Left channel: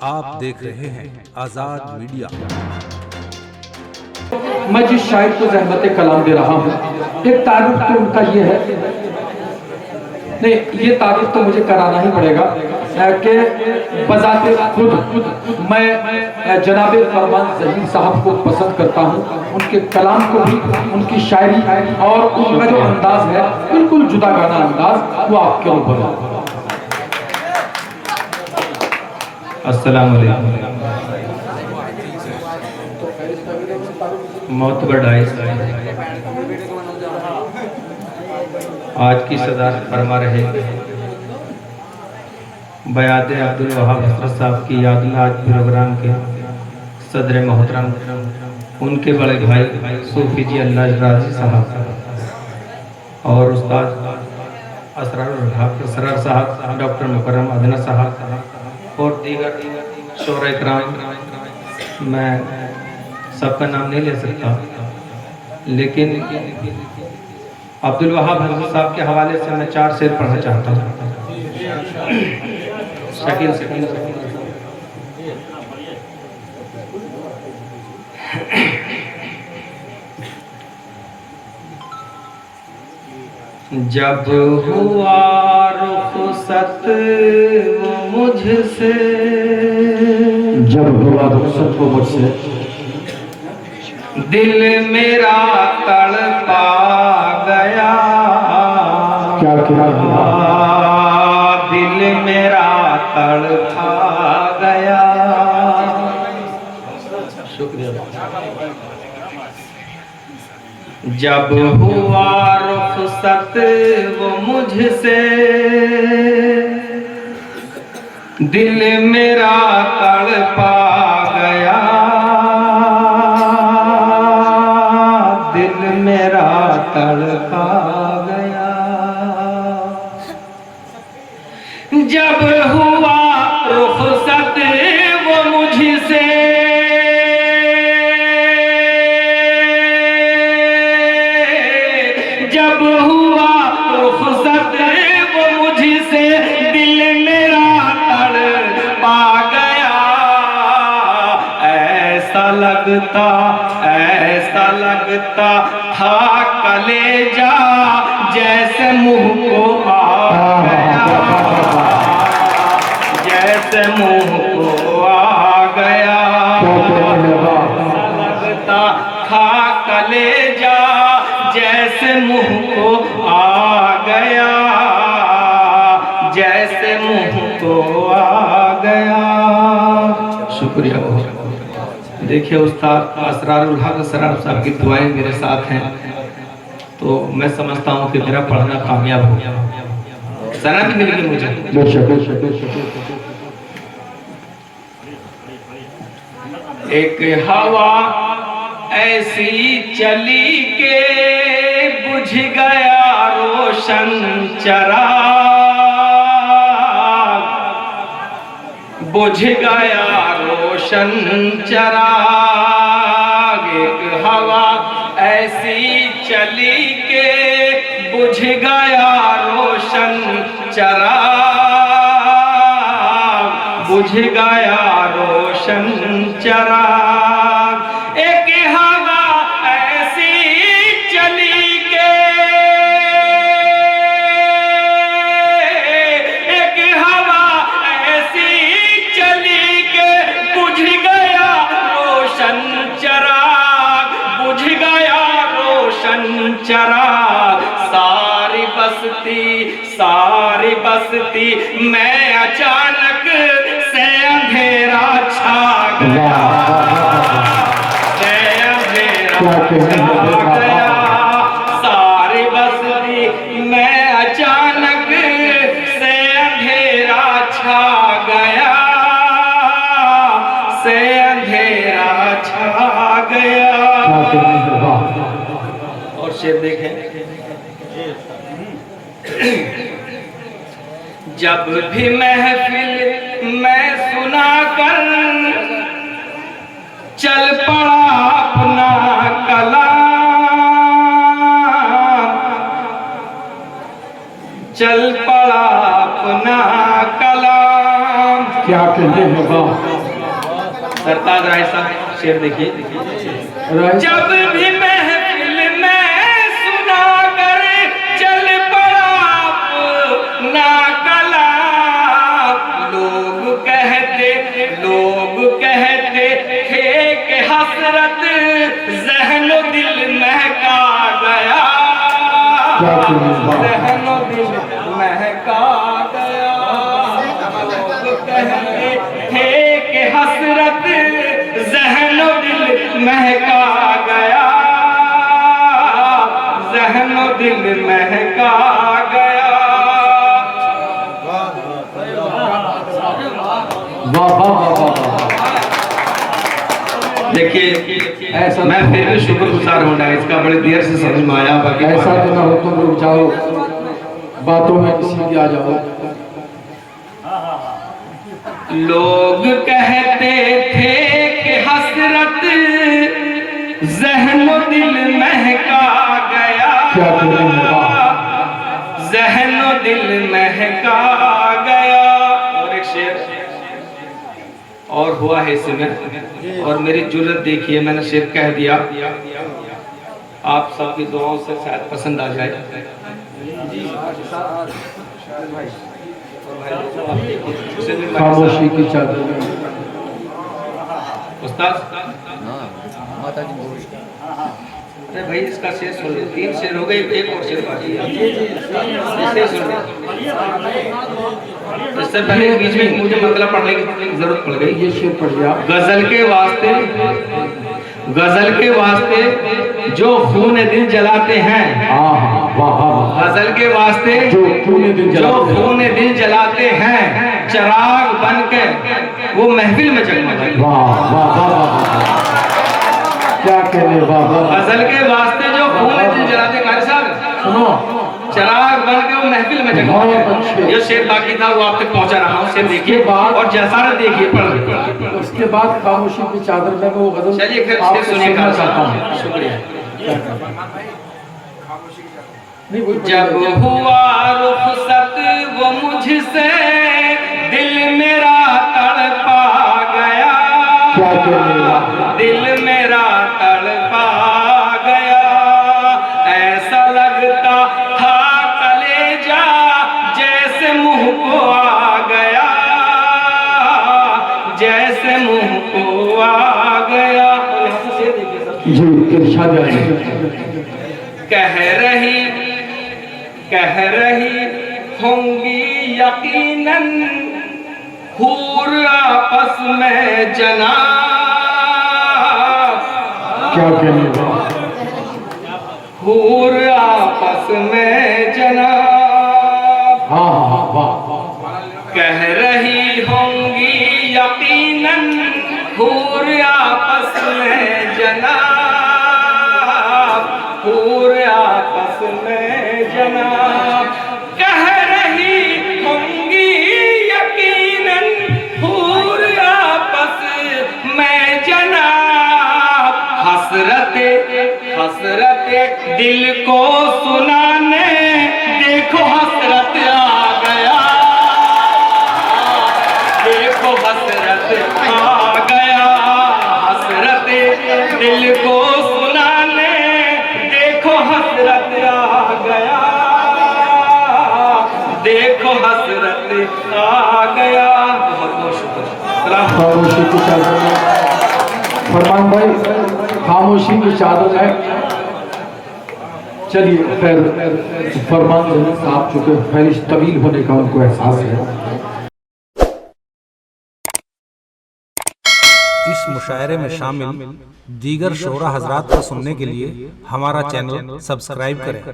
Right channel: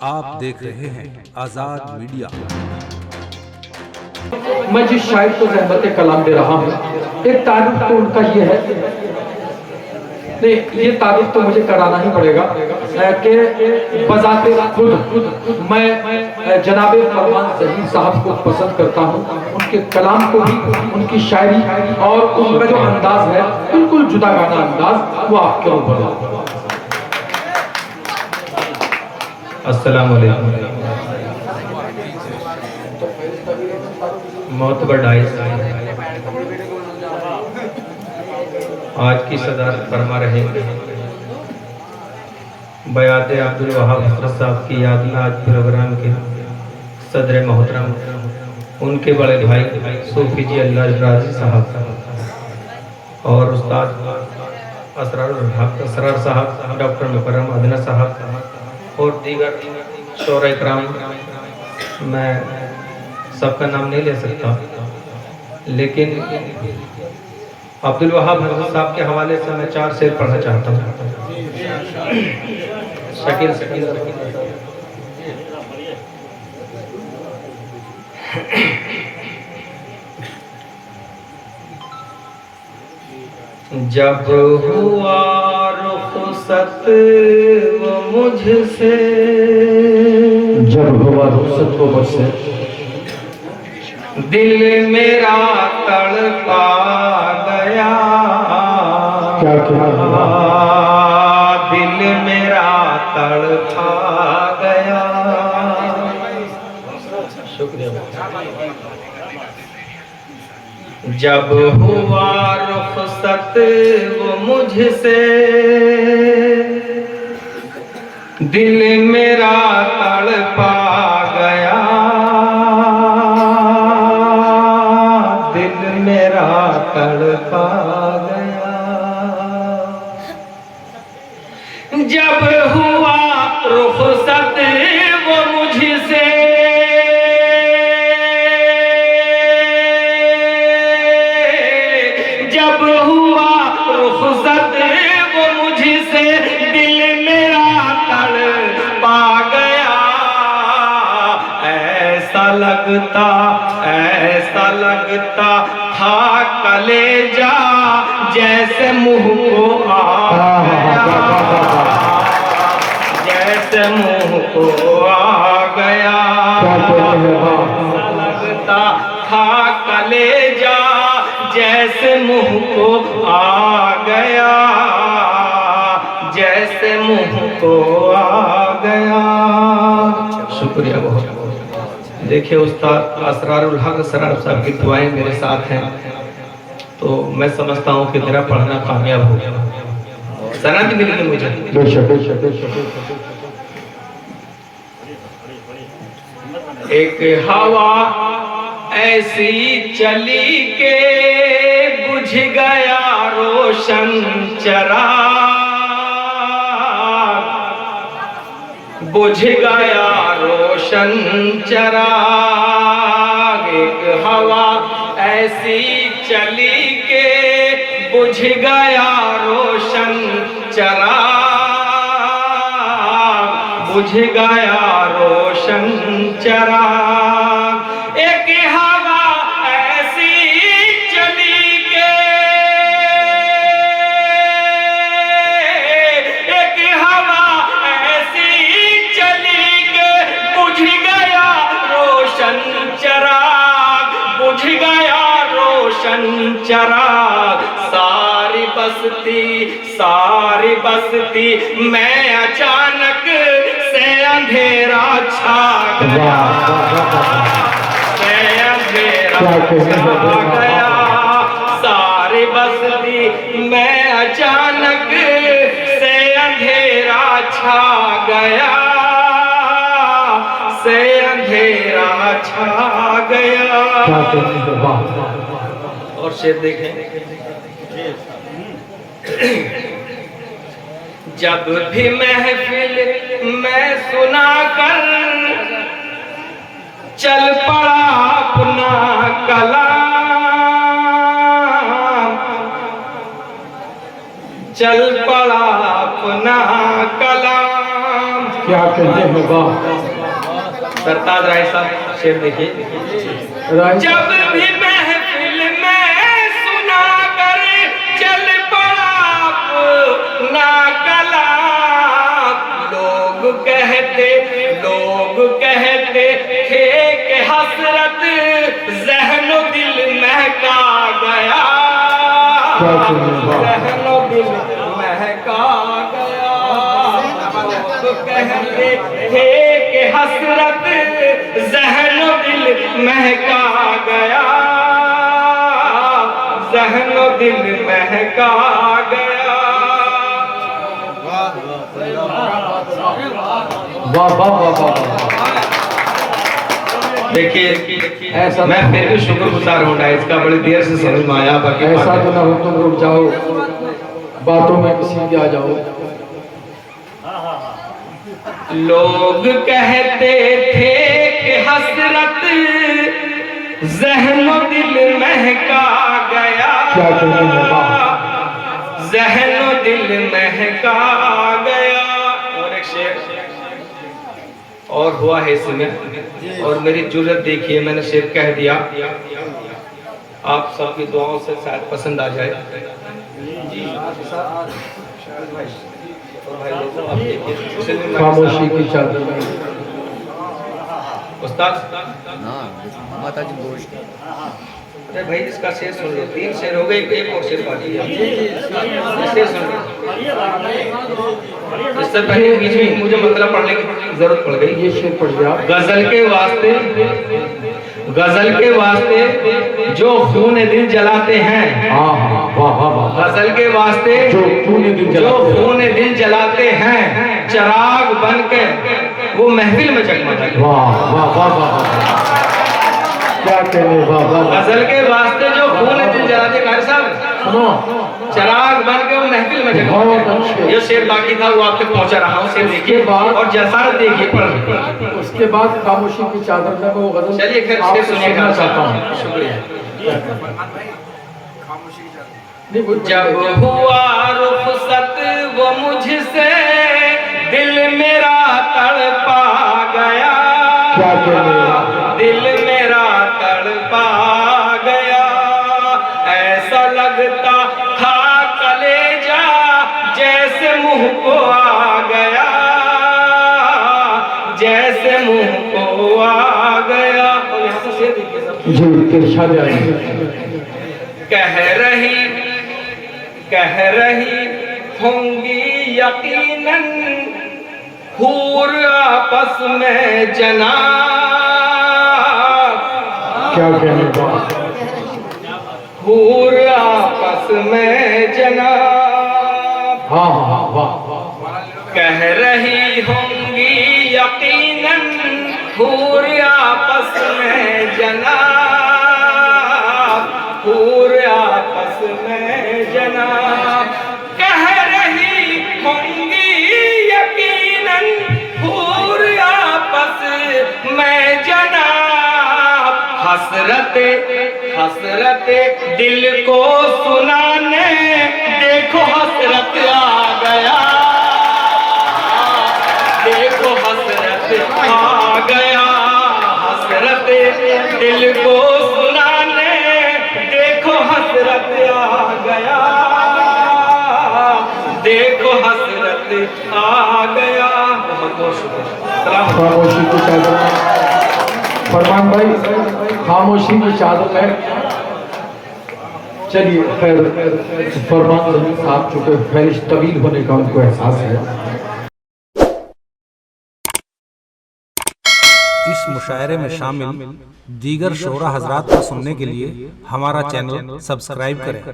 आप देख रहे हैं आजाद मीडिया। मैं जिस शायर को ज़हमत कलाम दे रहा हूँ, एक तारीफ तो उनका ये है, नहीं ये तारीफ तो मुझे कराना ही पड़ेगा कि बजाते खुद मैं जनाबे फरमान ज़हीर साहब को पसंद करता हूँ, उनके कलाम को भी, उनकी शायरी और उनका जो अंदाज है बिल्कुल जुदा गाना अंदाज, वो आपके ऊपर। अस्सलाम वालेकुम। मोतबर डाइस आज की सदारत फरमा रहे बयात अब्दुल वहाब हज़रत साहब की याद में आज प्रोग्राम के सदर मोहतरम उनके बड़े भाई सूफी जी अल्लाह राजी साहब और उस्ताद असरार साहब, डॉक्टर मुकर्रम अदना साहब और दीगर शोरा इकराम, मैं सबका नाम नहीं ले सकता, लेकिन अब्दुल वहाब हज़रत साहब के हवाले से मैं 4 शेर पढ़ना चाहता हूँ। शकील शकील जब हुआ रुखसत वो मुझसे, जब हुआ रुखसत वो मुझसे, दिल मेरा तड़पा गया। क्या क्या हुआ? दिल मेरा तड़पा गया। शुक्रिया। जब हुआ रुखसत वो मुझसे, दिल मेरा तड़पा गया। दिल मेरा तड़पा गया। जब हुआ रुखसत वो मुझसे, जब हुआ रुखसत वो मुझसे, दिल मेरा तड़पा गया। ऐसा लगता था कलेजा जैसे मुंह को आ गया, जैसे मुंह को आ गया। लगता था कलेजा जैसे मुंह को आ गया, जैसे मुंह को आ गया। शुक्रिया बहुत। देखिए उस्ताद असरारुल हक सराब साहब की दुआएं मेरे साथ हैं, तो मैं समझता हूँ कि मेरा पढ़ना कामयाब हो गया। सना भी मिल गई मुझे। एक हवा ऐसी चली के बुझ गया रोशन चराग, बुझ गया रोशन चराग। एक हवा ऐसी चली के बुझ गया रोशन चराग, बुझ गया रोशन चराग। एक हवा ऐसी चली के, एक हवा ऐसी चली के बुझ गया रोशन चराग, बुझ गया रोशन चराग। सारी बस्ती मैं अचानक से अंधेरा छा गया, से अंधेरा छा गया। सारी बस्ती मैं अचानक से अंधेरा छा गया, से अंधेरा छा गया। और शेर देखें। जब भी महफिल में सुना कर चल पड़ा अपना कलाम, चल पड़ा अपना कलाम। क्या कहते हैं वाह। सरताज राय साहब शेर देखिए। जब भी महफिल में सुना कर चल पड़ा अपना कलाम, लोग कहते थे कि हसरत ज़हनो दिल महका गया, ज़हनो दिल महका गया। लोग कहते थे कि हसरत ज़हनो दिल महका गया, ज़हनो दिल महका गया। वाह वाह वाह। देखिए ऐसा मैं फिर भी शुक्रगुजार हूँ डाइस का, बड़ी देर से समझ में आया। बाकी ऐसा तो ना हो तुम रुक जाओ बातों में किसी के आ जाओ। लोग कहते थे कि हसरत ज़हनो दिल महका गया, क्या कहते हैं वाह। ज़हनो दिल महका गया। और एक शेर और हुआ है इसमें, और मेरी जुर्रत देखिए, मैंने शेर कह दिया, आप सबकी दुआओं से शायद पसंद आ जाए। खामोशी की चादर में उस्ताद अरे भाई इसका शेर सुन लो, 3 शेर हो गए, एक और शेर बाकी है, इससे सुन लो। इससे पहले बीच में मुझे मतलब पढ़ने की जरूरत पड़ गई। ये शेर पढ़ गया। गजल के वास्ते जो खून दिल जलाते हैं, गजल के वास्ते जो खून दिल जलाते हैं, चिराग बनकर वो महफिल में जगमगाते। वाह वाह वाह वाह। क्या कहने वाह वाह। गजल के वास्ते जो खून दिल जलाते, कारी साहब सुनो, चिराग बनकर वो महफिल में जगमगाते। ये शेर बाकी था, वो आप तक पहुंचा रहा हूँ। शेर देखिए और जसारत देखिए, पढ़। उसके बाद खामोशी की चादर में वो गजल। चलिए फिर शेर सुनिएगा। शुक्रिया। जब हुआ रुखसत वो मुझसे दिल मेरा तड़पा गया, दिल मेरा तड़पा गया। ऐसा लगता था कलेजा जैसे मुंह को आ गया, जैसे मुंह को आ गया। कह रही होंगी यकीनन हूर आपस में जनाब, क्या कहने हूर आपस में जनाब। कह रही होंगी यकीनन हूर आपस में जनाब, हूर आपस में जनाब। कह रही होंगी यकीनन हूर आपस में जनाब। हसरत दिल को सुनाने देखो हसरत आ गया, देखो हसरत आ गया। हसरत दिल को सुनाने देखो हसरत आ गया, देखो हसरत आ गया। खामोशी की चादर में फरमान भाई, खामोशी की चादर में। चलिए खैर फरमान साहब चुके फहरिश तवील होने का उनको एहसास है। इस मुशायरे में शामिल दीगर शोरा हजरात को सुनने के लिए हमारा चैनल सब्सक्राइब करें।